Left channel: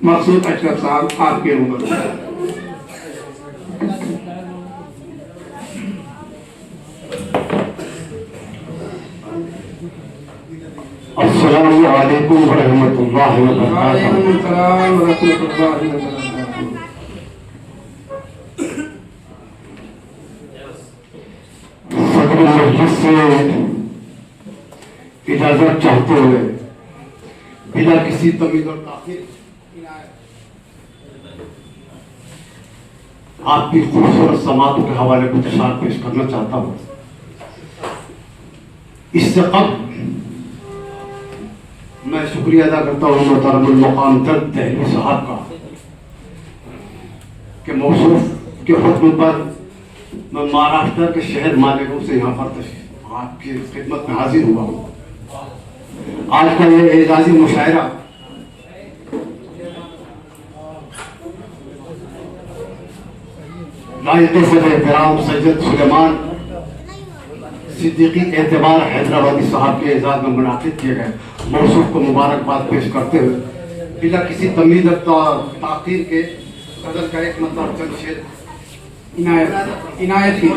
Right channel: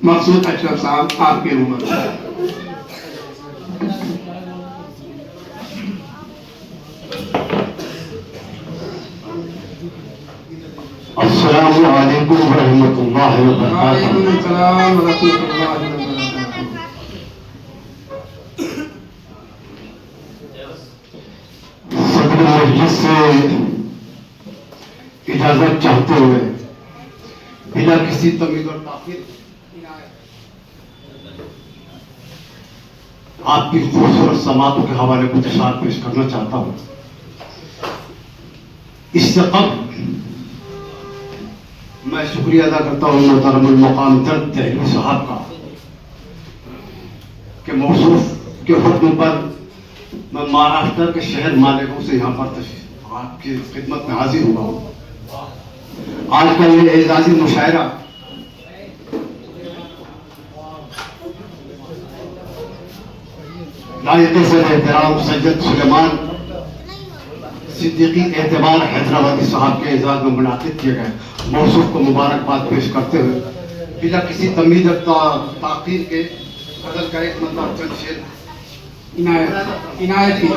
मकसूद अशरफ साहब आपके रूम में। अस्सलामु अलैकुम व रहमतुल्लाहि व बरकातुहू। वालेकुम अस्सलाम व रहमतुल्लाहि व बरकातुहू। सदर मजलिस से इजाजत चाहते हुए बिना किसी तमीज और ताखीर आपकी खूबसूरत समातों के हवाले कुछ इशार पेश करना चाहता हूँ। इससे कब्ल मैं शुक्रिया अदा करता हूँ मोहतरमुल मकाम दर्द दहली साहब का कि मौसूफ के हुक्म पर मैं महाराष्ट्र के शहर मालिकों से यहाँ पर आपकी खिदमत में हाजिर हुआ हूँ। आज का ये एजाजी मुशायरा लायके से एहतराम सैयद सुलेमान सिद्दीकी एतबार हैदराबादी साहब के एजाज में मुनाकिद किए गए मौसूफ को मुबारकबाद पेश करते हुए बिना किसी तमीज और ताकीर के कदर का एक मतलब चंद शेर इनायत की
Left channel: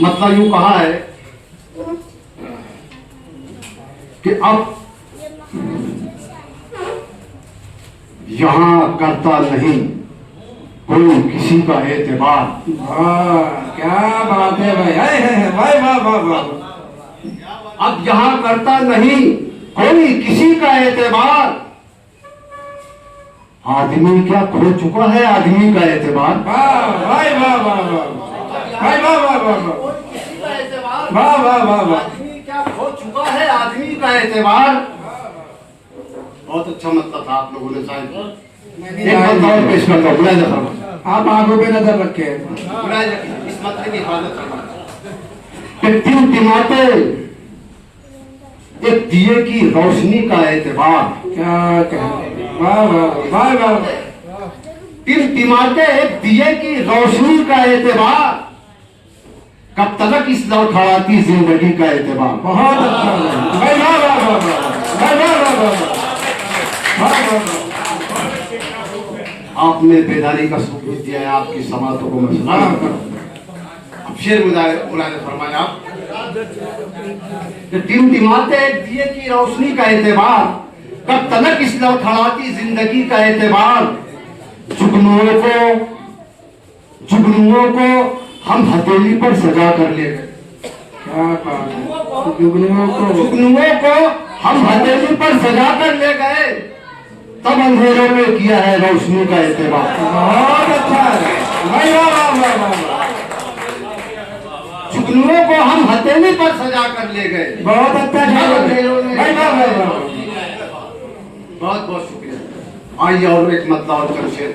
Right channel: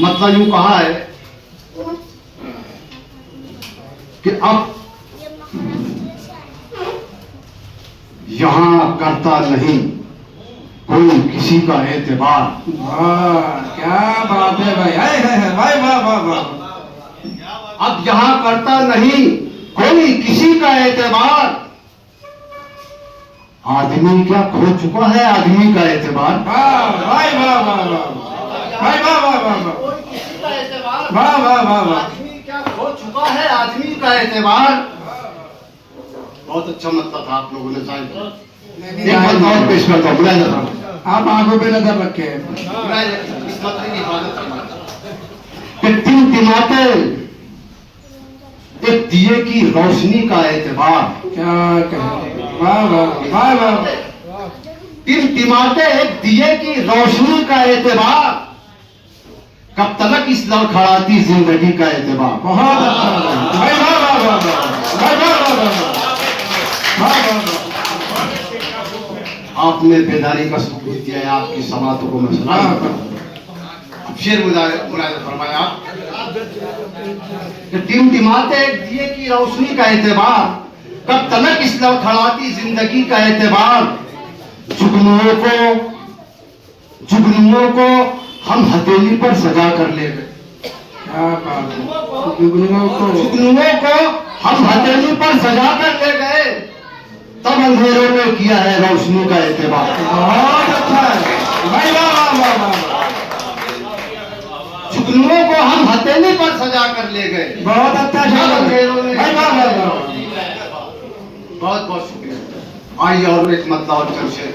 मतलब यूं कहा है कि अब यहाँ करता नहीं कोई किसी का एतबार। क्या बात है भाई, है भाई, वाह वाह वाह। अब यहाँ करता नहीं कोई किसी का एतबार। आदमी क्या खो चुका है आदमी का एतबार। वाह भाई, वाह वाह वाह भाई, वाह वाह वाह वाह, किसी का एतबार। वाह वाह वाह वाह। आदमी क्या खो चुका है आदमी का एतबार। बहुत अच्छा मतलब था आप लोगों ने शायद। एक बात और पेश करता हूँ, बुलाया जाता आप आंखों पे नजर रखे इस मतलब की हिफाजत करना। तीन तिमाते एक दिए की रोशनी का एतबार। क्या कहें, वाह वाह वाह वाह। तीन तिमाते एक दिए की रोशनी का एतबार। कब तक इस लड़खड़ाती जिंदगी का एतबार। बहुत अच्छा भाई, वाह वाह वाह वाह भाई, वाह वाह वाह वाह। आपने बेदारी का सबूत दिया है, आपकी समातों को मैं सुना। अब शेर मुलायम फरमाया आप कि तीन तिमाते एक दिए की रोशनी का एतबार। कब तक इस लड़खड़ाती जिंदगी का एतबार। जुगनुओं को हम हथेली पर सजा कर ले गए। क्या बात है, जुगनुओं को हम हथेली पर सजा कर ले गए। तब अंधेरों में किया है रोशनी का एतबार। बहुत अच्छा है भाई, वाह वाह वाह वाह। जुगनुओं को हम हथेली पर सजा कर ले गए। बहुत अच्छा शेर है भाई, वाह वाह वाह। बहुत बहुत शुक्रिया। आइए और एक मतलब और चंद शेर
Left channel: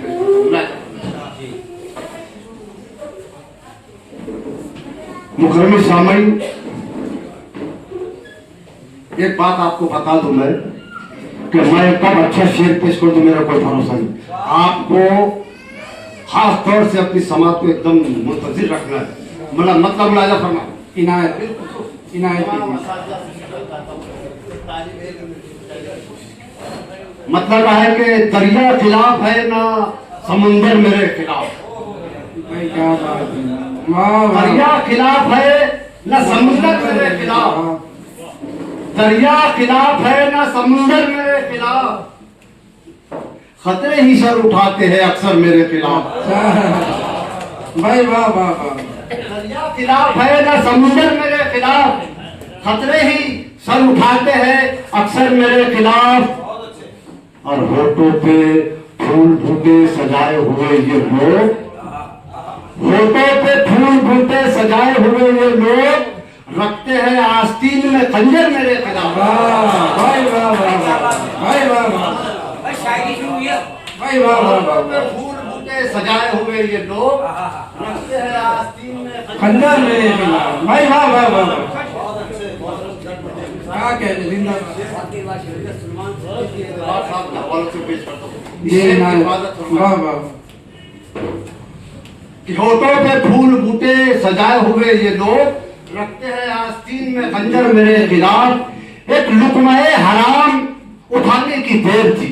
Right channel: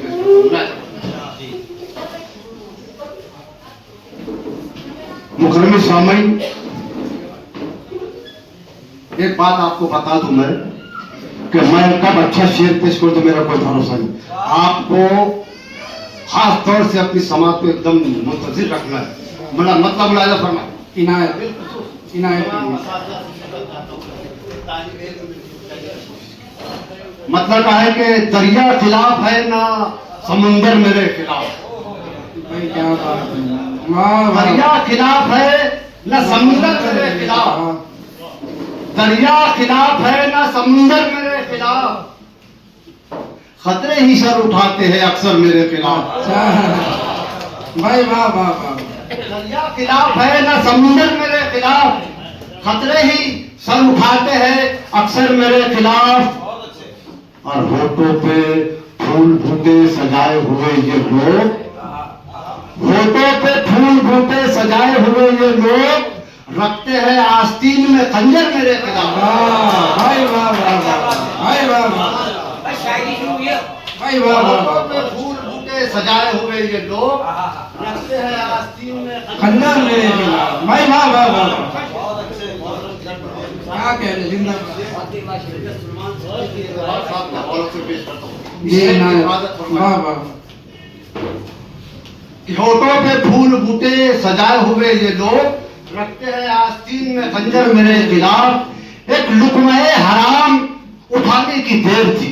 मुकर्रम सामईन, एक बात आपको बता दूं मैं कि मैं कब अच्छा शेर पेश करूं तो मेरा कोई भरोसा नहीं। आपको खास तौर से अपनी समाज को एकदम मुंतजिर रखना है। मतलब मुलाजा फरमा इनायत इनायत मतलब है कि दरिया खिलाफ है ना समुंदर मेरे खिलाफ। भाई क्या बात है, वाह वाह। दरिया खिलाफ है ना समुंदर मेरे खिलाफ। दरिया खिलाफ है ना समुंदर मेरे खिलाफ। खतरे ही सर उठाते हैं अक्सर मेरे खिलाफ। भाई वाह वाह वाह। दरिया खिलाफ है ना समुंदर मेरे खिलाफ। खतरे ही सर उठाते हैं अक्सर मेरे खिलाफ। और होठों पे फूल बूटे सजाए हुए ये लोग। होठों पे फूल बूटे सजाए हुए ये लोग रखते हैं आस्तीन में खंजर मेरे खिलाफ। भाई वाह वाह वाह भाई, वाह वाह भाई, वाह वाह। फूल बूटे सजाए हुए ये लोग रखते हैं आस्तीन में खंजर मेरे खिलाफ। भाई वाह वाह वाह। क्या कह रहे जिंदाबाद। ये वाह वाह। होठों पे फूल बूटे सजाए हुए ये लोग रखते हैं आस्तीन में खंजर मेरे खिलाफ। एक लुकमे हराम उठा की देर थी।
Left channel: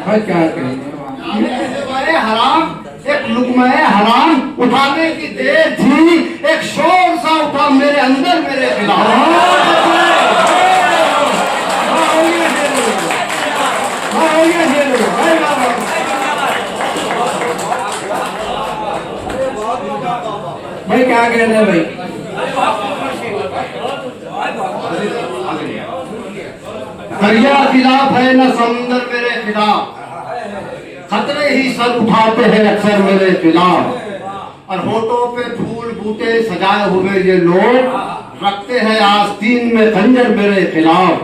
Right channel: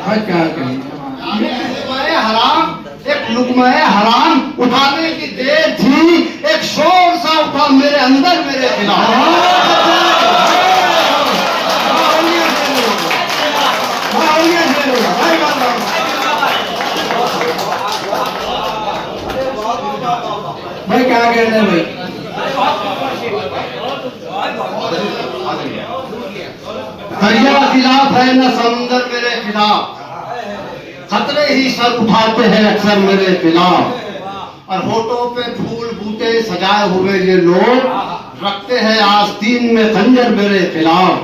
भाई क्या कहेंगे लुक़्मा-ए हराम, एक लुक़मा-ए हराम उठाने की देर थी, एक शोर सा उठा मेरे अंदर मेरे खिलाफ। भाई क्या कहते हैं भाई दरिया खिलाफ है न समंदर मेरे खिलाफ, खतरे ही सर उठाते हैं अक्सर मेरे खिलाफ, और होठों पे फूल बूटे सजाए हुए ये लोग रखते हैं आस्तीन में खंजर मेरे खिलाफ।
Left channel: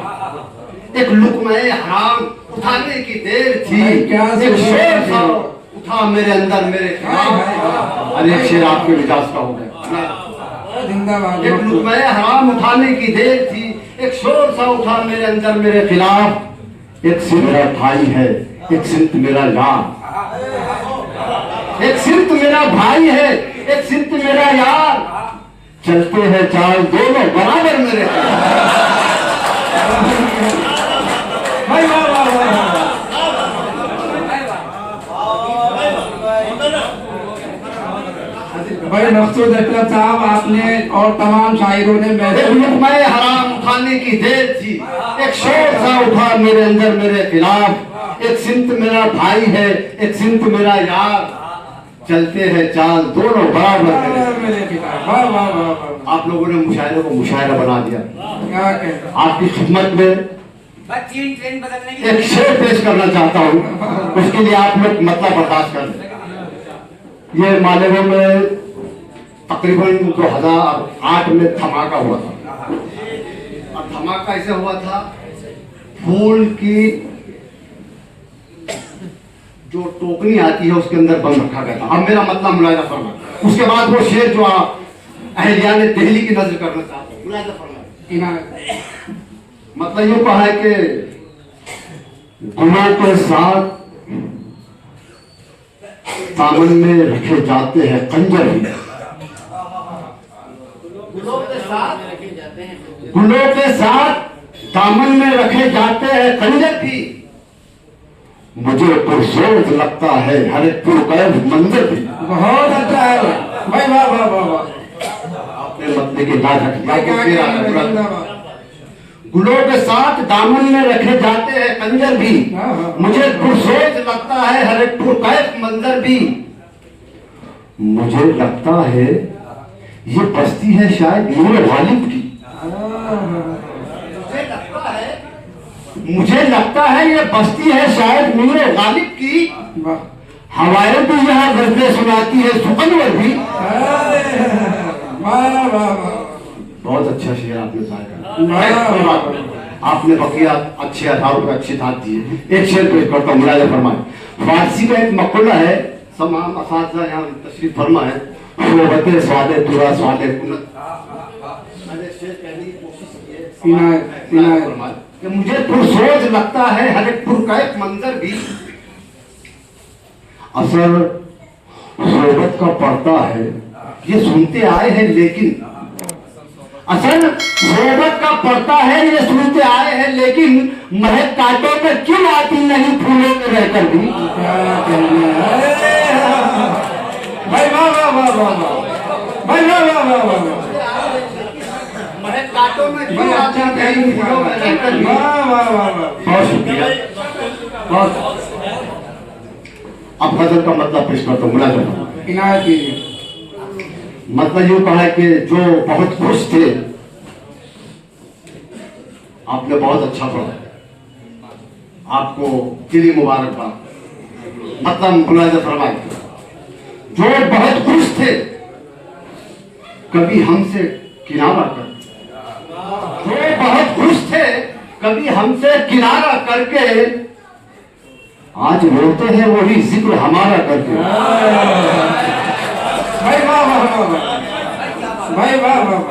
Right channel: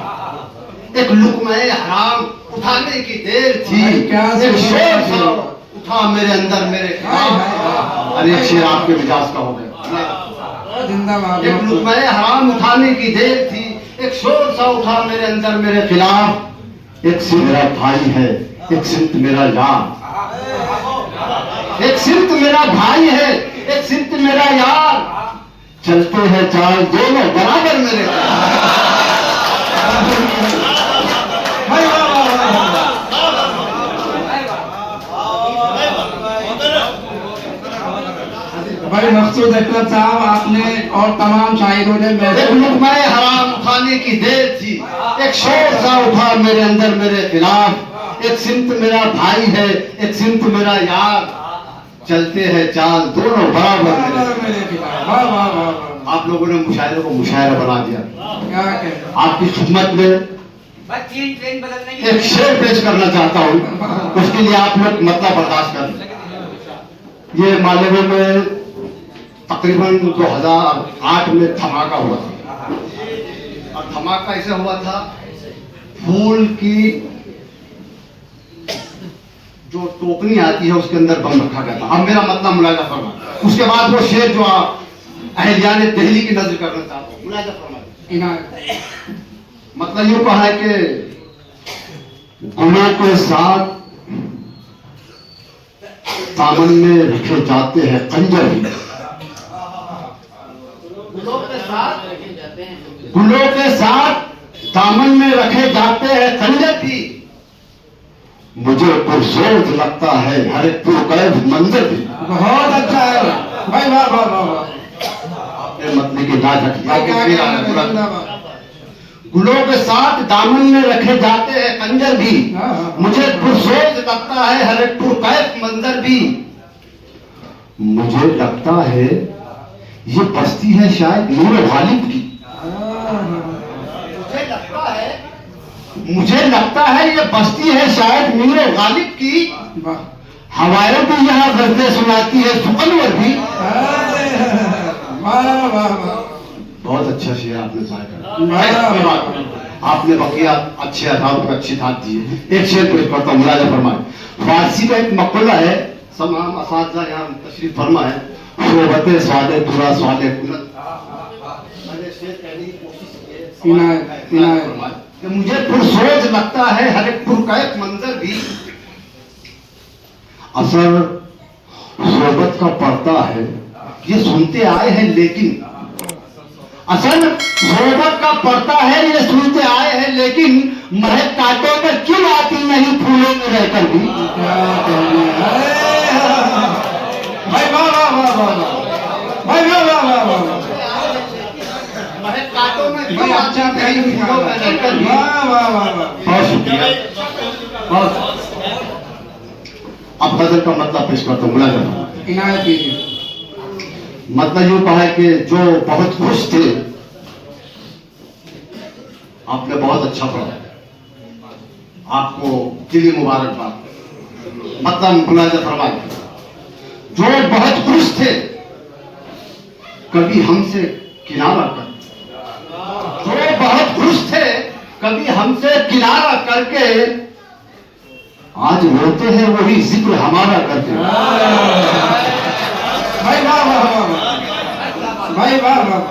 एक लुक़मा-ए हराम उठाने की देर थी, एक शेर सा उठा मेरे अंदर मेरे खिलाफ। और एक शेर आपके मिजाज का हो गया। जिंदाबाद। एक लुक़मा-ए हराम उठाने की देर थी, एक शोर सा उठा मेरे अंदर मेरे खिलाफ। एक सिर मेरा भाई है, एक सिमत मेरा यार, एक सिमत मेरा भाई है, एक सिमत मेरा यार, चलते हैं चाल दोनों बराबर मेरे भाई वाह वाह वाह। भाई मकसूद अकरम साहब आपने और तमाम शायरों ने एक लुक़मा-ए हराम उठाने की देर थी, एक शोर सा उठा मेरे अंदर मेरे खिलाफ। एक सिमत मेरा भाई है, एक सिमत मेरा यार, चलते हैं चाल दोनों बराबर मेरे खिलाफ। वाह वाह वाह वाह। आप लोगों ने मुशायरे को मुशायरा बना दिया। क्या कहते आपकी खिदमत में एक शेर पेश करना चाहता हूँ, उसके लिए आप लोग मतलब बर्दाश्त कर लें। ये मालेगांव में तकरीबन 2008 में धमाका हुआ था, और धमाका ऐसे हुआ था, फूल की जो टोकनी आती है उसके अंदर बम रखा गया था। अब मेरा मतलब मुलाजा फरमा। उसके बाद वो शेर जो अहलिया ने दिल्ली की नजर करना चाहता हूँ, मुलाजा फरमा। मतलब यूं कहा है कि गुलों के साथ दामन में रखे जाते हैं खंजर भी, गुलों के साथ दामन में रखे जाते हैं खंजर भी, मुझे पुरसोज लगता है हर एक पुरकैद मंजर भी। बहुत अच्छा है भाई। वाह वाह वाह वाह। आपने मतलब की लाज रख क्या लिया। जिंदाबाद। गुलों के साथ दामन में रखे जाते हैं खंजर भी, मुझे पुरसोज लगता है हर एक पुरकैद मंजर भी। मुझे लगता है ये बस्ती है शायद नूर गालिब की। मुझे लगता है ये बस्ती है शायद नूर गालिब की। हवाएं भी यहाँ गज़लें सुनाती है सुकनवर भी। वाह वाह वाह। बहुत अच्छा शेर आपने गाया। आपने बकिया अच्छे आधारों पर अच्छी धात दी है। एक शेर पेश करता हूँ, मुलाज़ा फरमाए। फारसी का एक मक़ूला है, तमाम असातिज़ा यहाँ तशरीफ फरमा है, सोबते स्वादे पूरा स्वादे कुनत। मैंने शेर कहने की कोशिश की है कि मुझे पुरसोज लगता है हर एक पुरकैद मंजर भी। असर सोबत का पड़ता है ये सुनते आए हैं, लेकिन असल सोबत का पड़ता है ये सुनते आए हैं, लेकिन महक कांटों में क्यों आती नहीं फूलों में रहकर भी। भाई वाह वाह वाह वाह। भाई वाह वाह वाह वाह। महक कांटों में क्यों भाई आती अच्छा नहीं फूलों में रहकर भी। वाह वाह वाह वाह। बहुत शुक्रिया। बहुत। अब गजल का मतलब पेश करता हूँ, मुलाज़ा इनायत कीजिए। मतलब यूं कहा कि जो बहुत खुश थे, आपने बहुत अच्छा पढ़ा, आपको दिली मुबारकबाद। मतलब मुलाज़ा फरमाए, जो बहुत खुश थे कभी हमसे किनारा कर, जो बहुत खुश थे कभी हमसे किनारा करके, आज रोते हैं वही जिक्र हमारा करके। भाई वाह वाह वाह। भाई वाह वाह।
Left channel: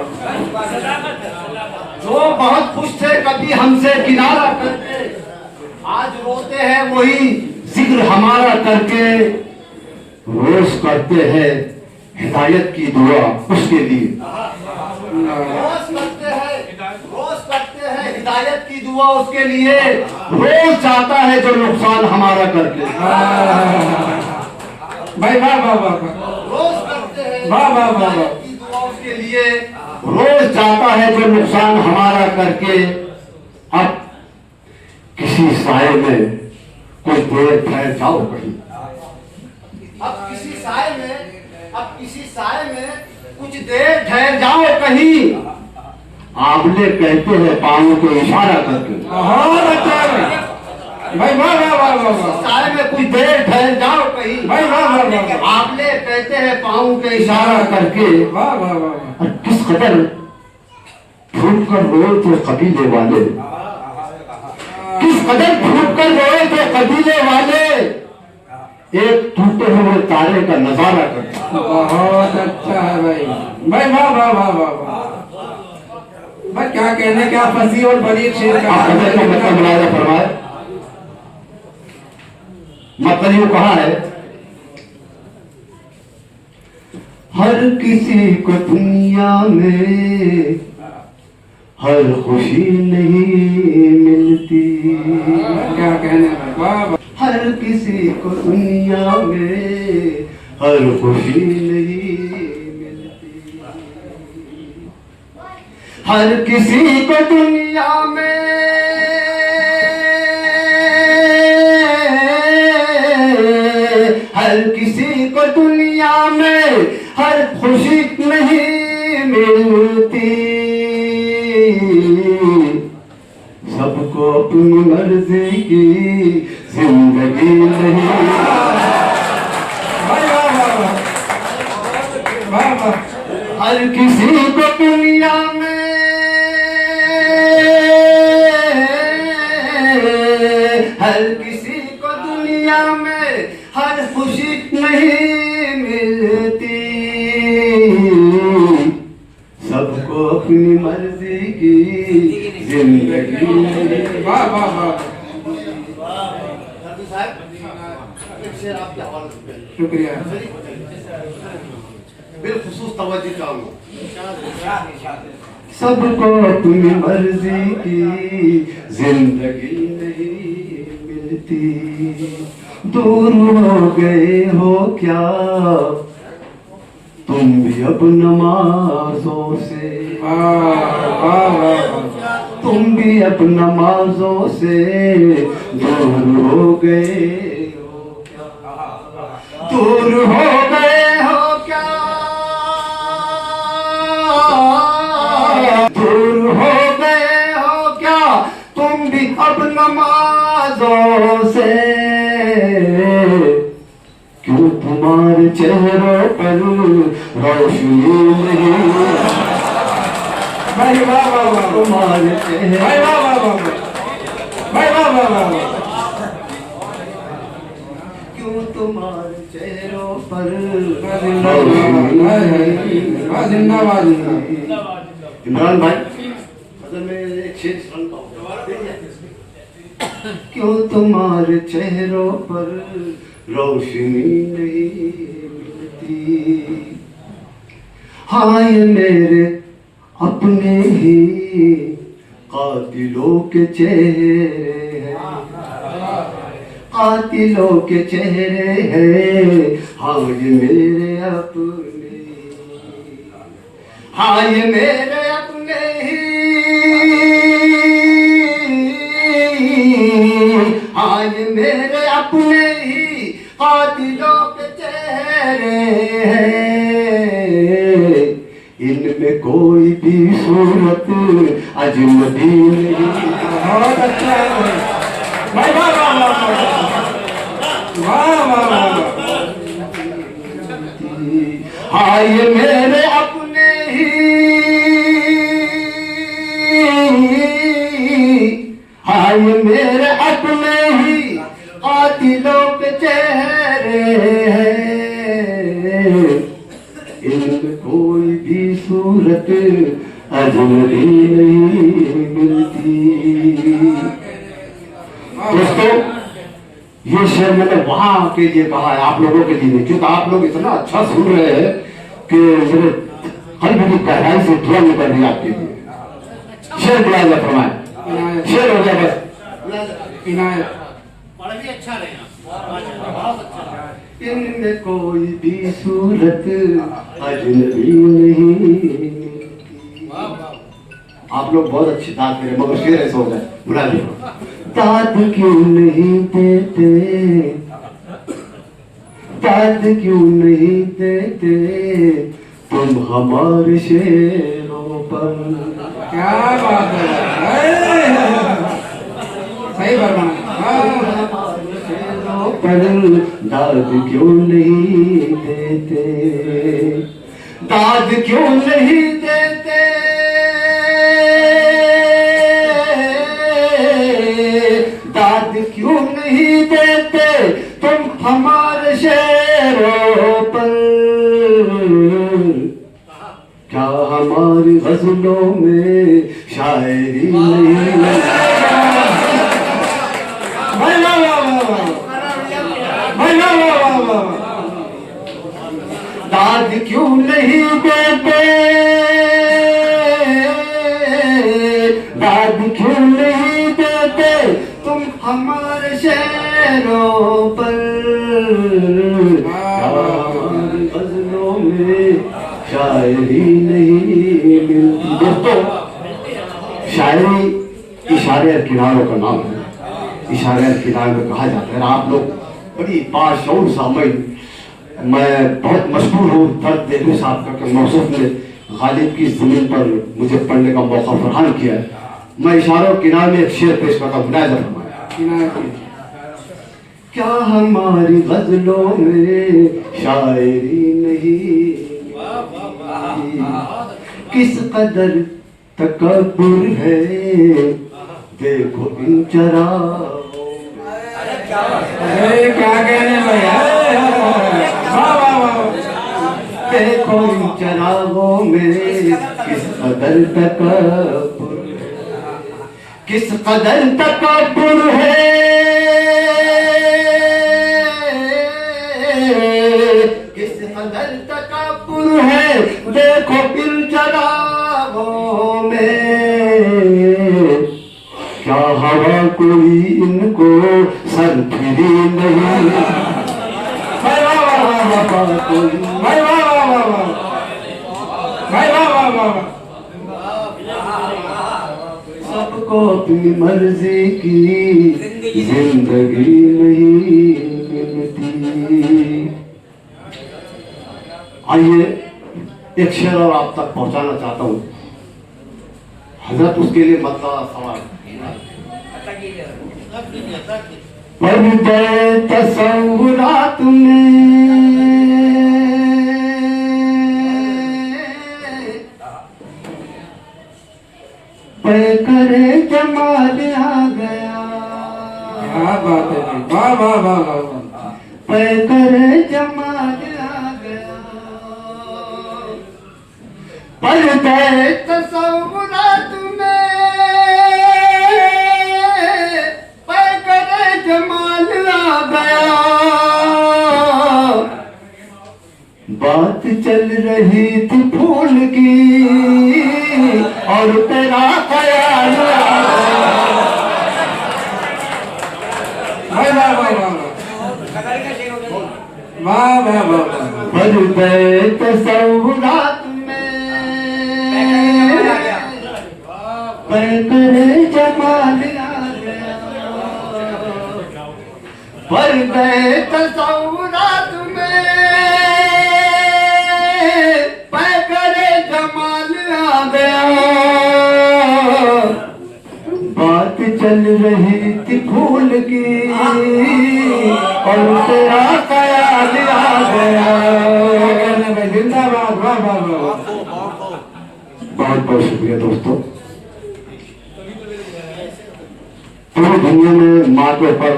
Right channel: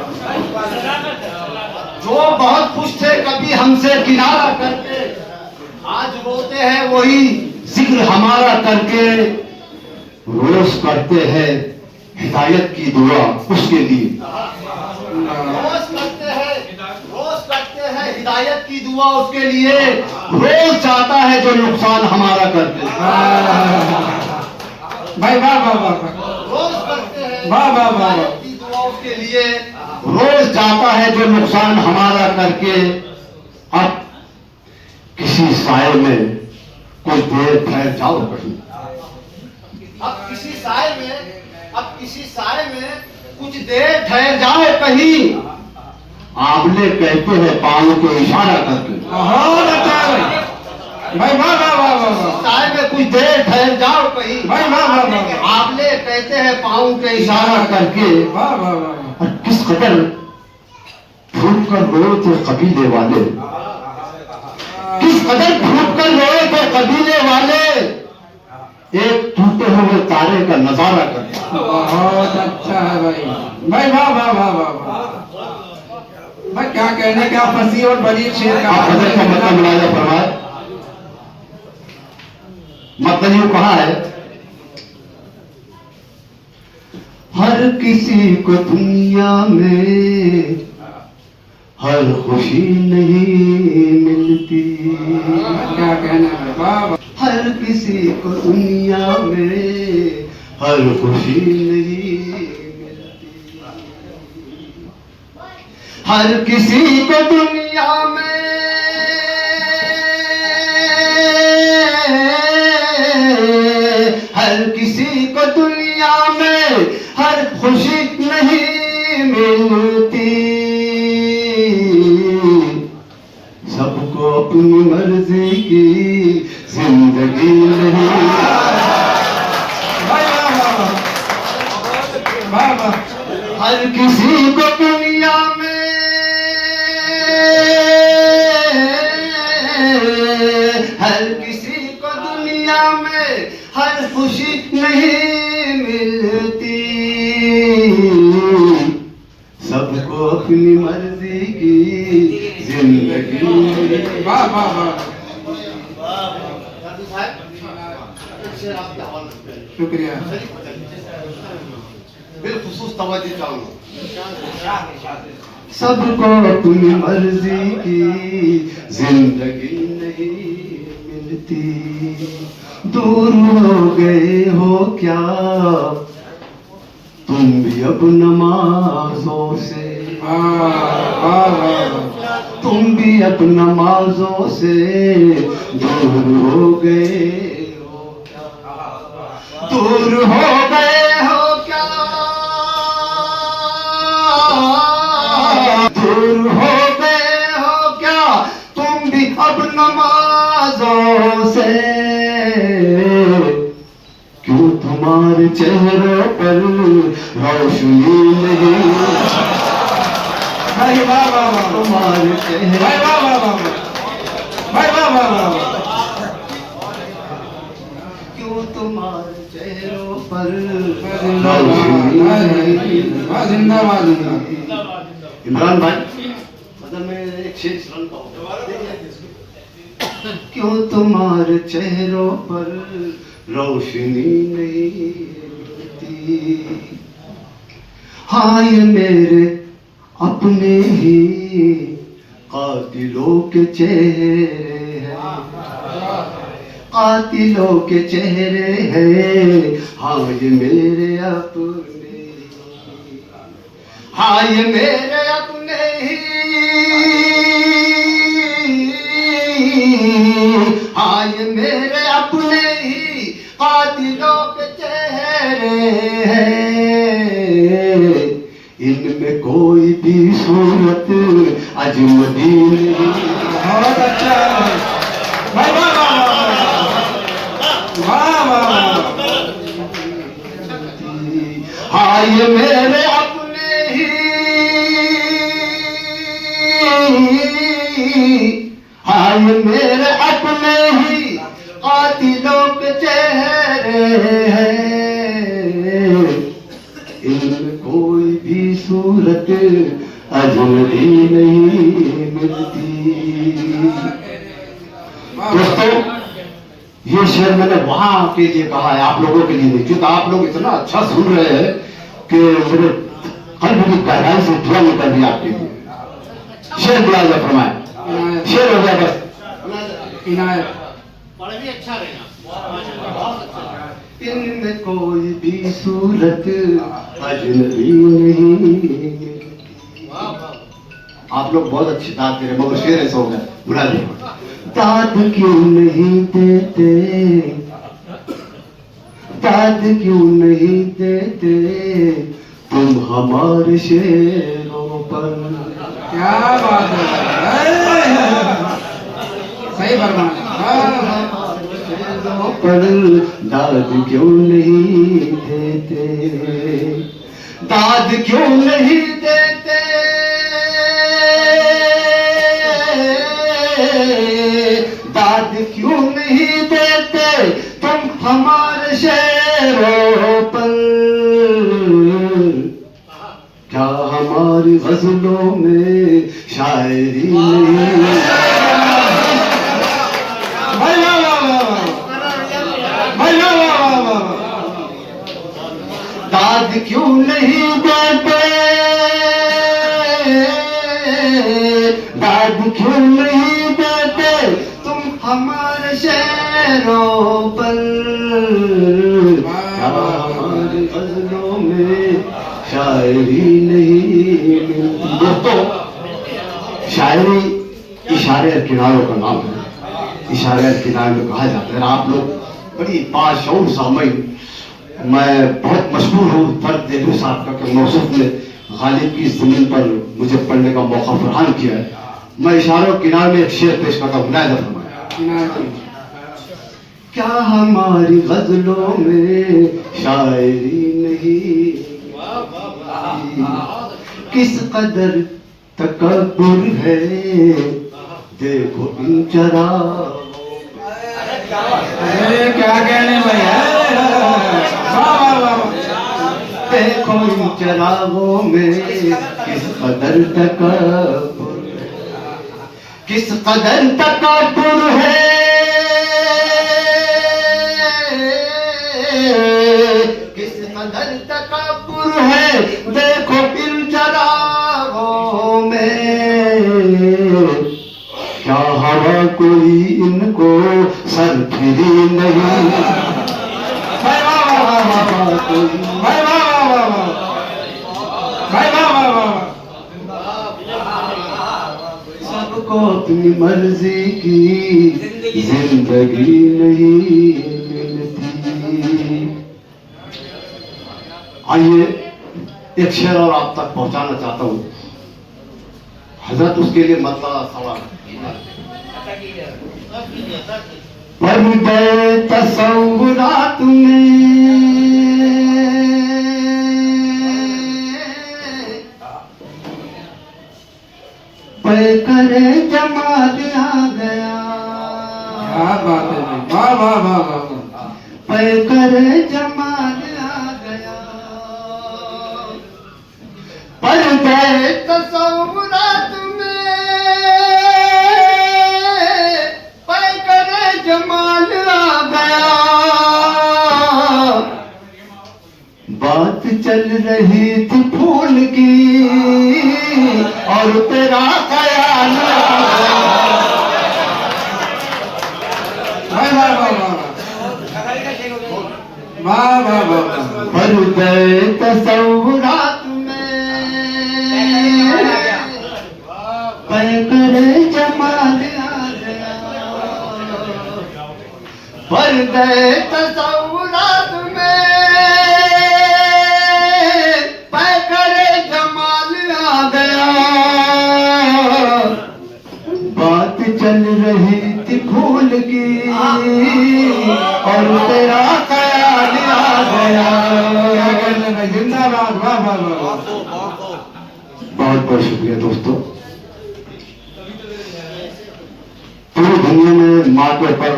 जो बहुत खुश थे कभी हमसे किनारा करके, आज रोते हैं वही जिक्र हमारा करके। रोज करते हैं हिदायत की दुआ उसके लिए, रोज करते हैं हिदायत की दुआ उसके लिए। रोज जाता है जो नुकसान हमारा करके। भाई वाह वाह वाह वाह, रोज करते हैं वाह वाह वाह वाह। की दुआ उसके लिए, रोज जाता है जो नुकसान हमारा करके। अब किसी साए में कुछ देर ठहर जाओ कहीं। अब किसी साए में कुछ देर ठहर जाओ कहीं। आंवले कहते हैं पाँव के इशारा करके। बहुत अच्छा है भाई, वाह वाह वाह वाह वाह। साए में कुछ देर ठहर जाओ कहीं। भाई वाह वाह वाह, आंवले कहते हैं पाँव के इशारा करके। वाह वाह वाह। और किस कदर फूट कर रोए थे कबीले वाले, किस कदर फूट कर रोए थे कबीले वाले, एक टूटे हुए तारे का नजारा करके। बहुत अच्छा है भाई, भाई वाह वाह वाह वाह वाह। भाई क्या कहने, क्या फंसी और बड़ी शेर का आप गजल का मतलब मुलायजा फरमाए। मतलब यूं कहा है, हर किसी को दुनिया में हर खुशी नहीं मिलती। क्या कहने भाई, वाह वाह। हर किसी को दुनिया में हर खुशी नहीं मिलती। हर किसी को दुनिया में हर किसी को दुनिया में हर खुशी नहीं मिलती। सबको अपनी मर्जी की जिंदगी नहीं। भाई वाह वाह वाह, वाह वाह। हर किसी को दुनिया में हर किसी को दुनिया में हर खुशी नहीं मिलती। सबको अपनी मर्जी की जिंदगी नहीं। वाह वाह वाह, शुक्रिया। बिलखुसूस तवज्जो चाहूंगा। सबको अपनी मर्जी की जिंदगी नहीं मिलती। दूर हो गए हो क्या तुम भी अब नमाजों से। वाह वाह वाह, तुम भी अब नमाजों से दूर हो गए हो क्या। दूर हो गए हो क्या, दूर हो गए हो क्या तुम भी अब नमाजों से। क्यों तुम्हारे चेहरों पर रोशनी नहीं। भाई वाह वाह वाह, तुम्हारे चेहरे भाई वाह वाह वाह, भाई वाह वाह वाह वाह। क्यों तुम्हारे चेहरों पर जिंदाबाद जिंदाबाद जिंदाबाद। इमरान भाई, अगर मैं एक शेर सुनाता हूँ। क्यों तुम्हारे चेहरों पर रोशनी नहीं मिलती। हाँ ये मेरे अपने ही कातिलों के चेहरे हैं, कातिलों के चेहरे हैं। हाँ ये मेरे अपने, हाँ ये मेरे अपने ही, हाँ ये मेरे अपने ही कातिलों के चेहरे हैं। इनमें कोई भी सूरत अजनबी नहीं। बहुत अच्छा है भाई, वाह वाह वाह वाह वाह वाह वाह। हाँ ये मेरे अपने ही, हाँ ये मेरे अपने ही कातिलों के चेहरे हैं। इनमें कोई भी सूरत अजनबी नहीं मिलती। दोस्तों ये शेर मैंने वहां के लिए कहा है, आप लोगों के लिए नहीं, क्योंकि आप लोग इतना अच्छा सुन रहे हैं कि मेरे कल्ब की गहराई से दुआ निकल रही आपके लिए। शेर बुलाया फरमाए, शेर हो गया बस। इनायत बड़ा भी अच्छा रहेगा, बहुत अच्छा। इनमें कोई भी सूरत अजनबी नहीं। आप लोग बहुत अच्छी दाद दे रहे, मगर शेर ऐसे हो गए, बुला दे। दाद क्यों नहीं देते, दाद क्यों नहीं देते तुम हमारे शेरों पर। क्या बात है, सही फरमाया। पर दाद क्यों नहीं देते, दाद क्यों नहीं देते, दाद क्यों नहीं देते तुम हमारे शेरों पर। क्या हमारी गजलों में शायरी नहीं। भाई वाह वाह वाह वाह, भाई वाह वाह वाह वाह। दाद क्यों नहीं देते, दाद क्यों नहीं देते तुम हमारे शेरों पर। हमारी गजलों में शायरी नहीं मिलती। दोस्तों, शायरी इशारे और किनारों का नाम है। इशारे और किनारे में कहा जाता है। आप लोग बड़ी बाशऊर सामईन, मैं बहुत मशहूर हूँ फर्द देहलवी साहब का कि मौसूफ ने गालिब की ज़मीन पर मुझे पढ़ने का मौका फरहाम किया है। मैं इशारों किनारे में एक शेर पेश करता हूँ, मुलाहिजा फरमाएं। क्या हमारी गजलों में शायरी नहीं, किस कदर तकब्बुर है देखो इन चरागों। अरे क्या कहने भैया, वाह वाह वाह। देखो इन चरागों में किस कदर तकब्बुर, किस कदर तकब्बुर है, किस कदर तकब्बुर है देखो इन चरागों में। क्या हवा कोई इनको सर फिरी नहीं। भाई वाह वाह वाह वाह, कोई भाई वाह वाह वाह वाह, भाई वाह वाह वाह वाह। सबको अपनी मर्जी की जिंदगी नहीं मिलती। आइए एक शेर और आप तक पहुंचाना चाहता हूं। हजरत उसके लिए मतलब सवाल पर्दे तसव्वुरात में करे जमाल आ गया। क्या बात है जी, वाह वाह वाह वाह। करे जमाल आ गया। पर्दे तसव्वुरात में करे जमाल आ गया। बात चल रही थी फूल की और तेरा ख्याल आ गया। वाह वाह वाह वाह वाह वाह वाह वाह। पर्दे तसव्वुरात करे जमाल आ गया। पर्दे तसव्वुरात में करे जमाल आ गया। बात चल रही थी फूल की और तेरा ख्याल आ गया। क्या कहने भाई, जिंदाबाद, वाह वाह वाह। बहुत बहुत शुक्रिया दोस्तों। पूरी दुनिया में माँ के ऊपर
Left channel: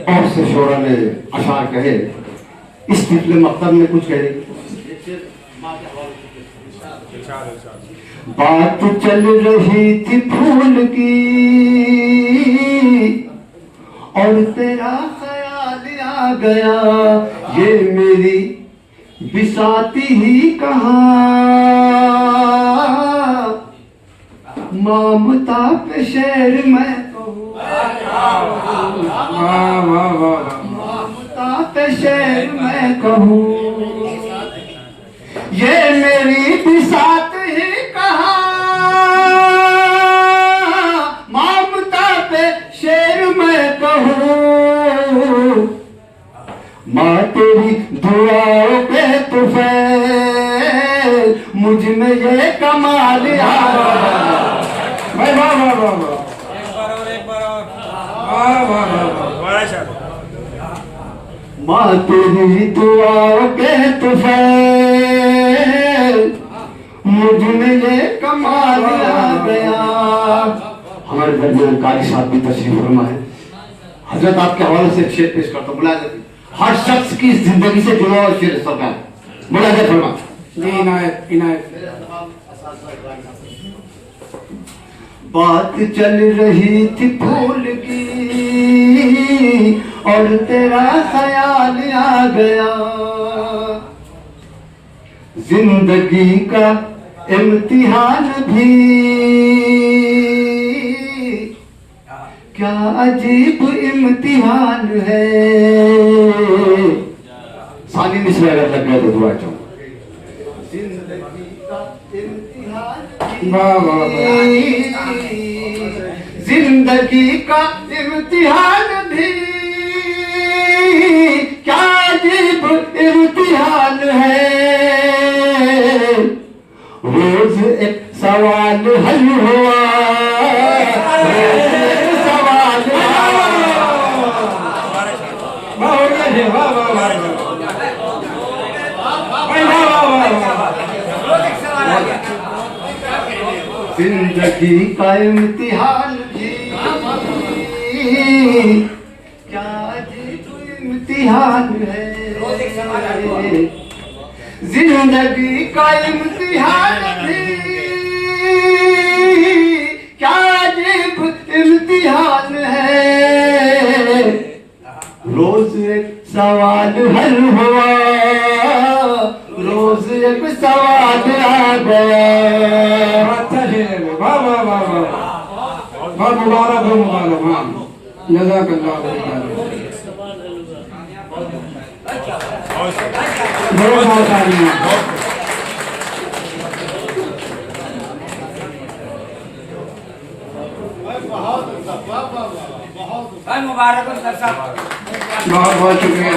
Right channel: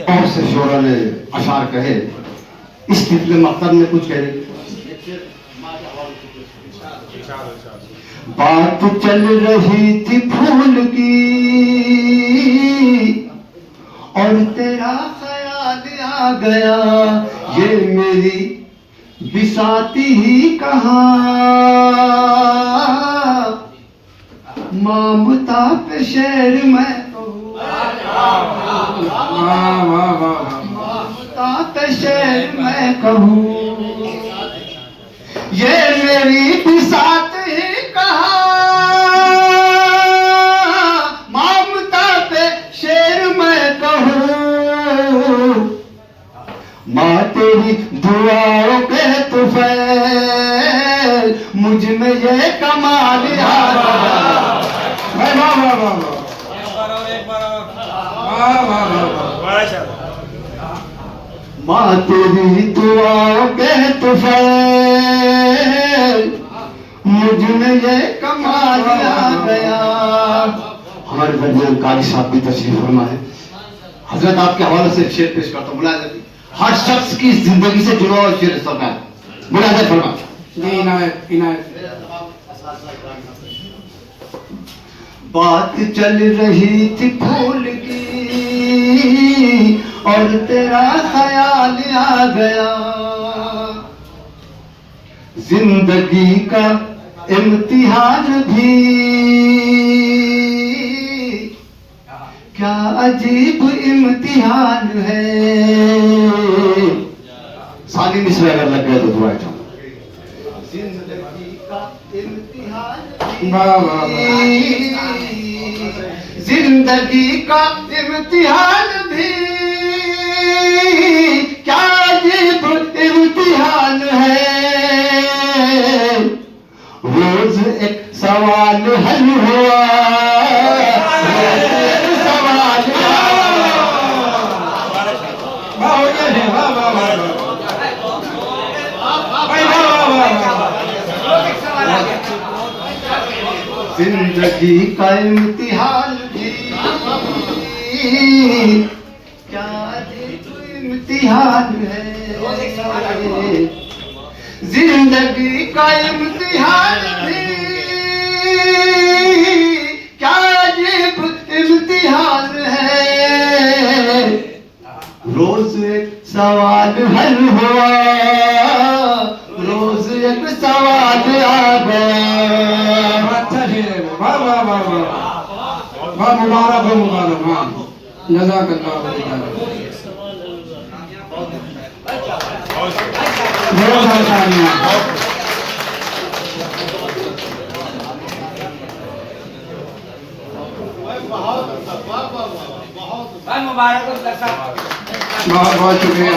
बहुत से शोरा ने अशार कहे। इस तितले मकतब में कुछ कह रही। बात चल रही थी फूल की और तेरा ख्याल आ गया। ये मेरी बिसाती ही कहाँ ममता पे शेर मैं कहूँ। वाह वाह वाह ताते शेर मैं कहूँ ये मेरी बिसात ही कहा ममता पे शेर मैं कहूँ माँ तेरी दुआओं पे तुफैल मुझ में ये कमाल आ गया वाह वाह वाह वाह वाह वाह वाह माँ तेरी दुआओं पे तुफैल मुझ में ये कमाल आ गया। हमारे दरमियान कारी साहब भी तशरीफ फरमा है। हजरत आपके हवाले से शेर पेश करता हूँ। मुलाज़िम हर शख्स की जिंदगी से जुड़ा हुआ शेर सब है। मुलाज़िम फरमा जी इनायत इनायत बात चल रही थी फूल की और तेरा ख्याल आ गया जिंदगी का इम्तिहान भी क्या अजीब इम्तिहान है। सानी मिसरा अगर लग गया तो दुआ चाहूँ जिंदगी का इम्तिहान वाह वाह जिंदगी का इम्तिहान भी क्या अजीब इम्तिहान है। रोज एक सवाल हल हुआ रोज एक सवाल वाह हो गया जी वाह वाह वाह भाई वाह वाह वाह जिंदगी का इम्तिहान भी क्या अजीब इम्तिहान है। जिंदगी का इम्तिहान भी क्या अजीब इम्तिहान है। रोज एक सवाल हल हुआ रोज एक सवाल आ गया। अच्छा शेर है वो वाह वाह वाह वाह वाह मुबारक हो मुबारक हाँ जज़ाकल्लाह खैर बहुत सारा तालियां मुबारक हो दर्शक बहुत बहुत शुक्रिया।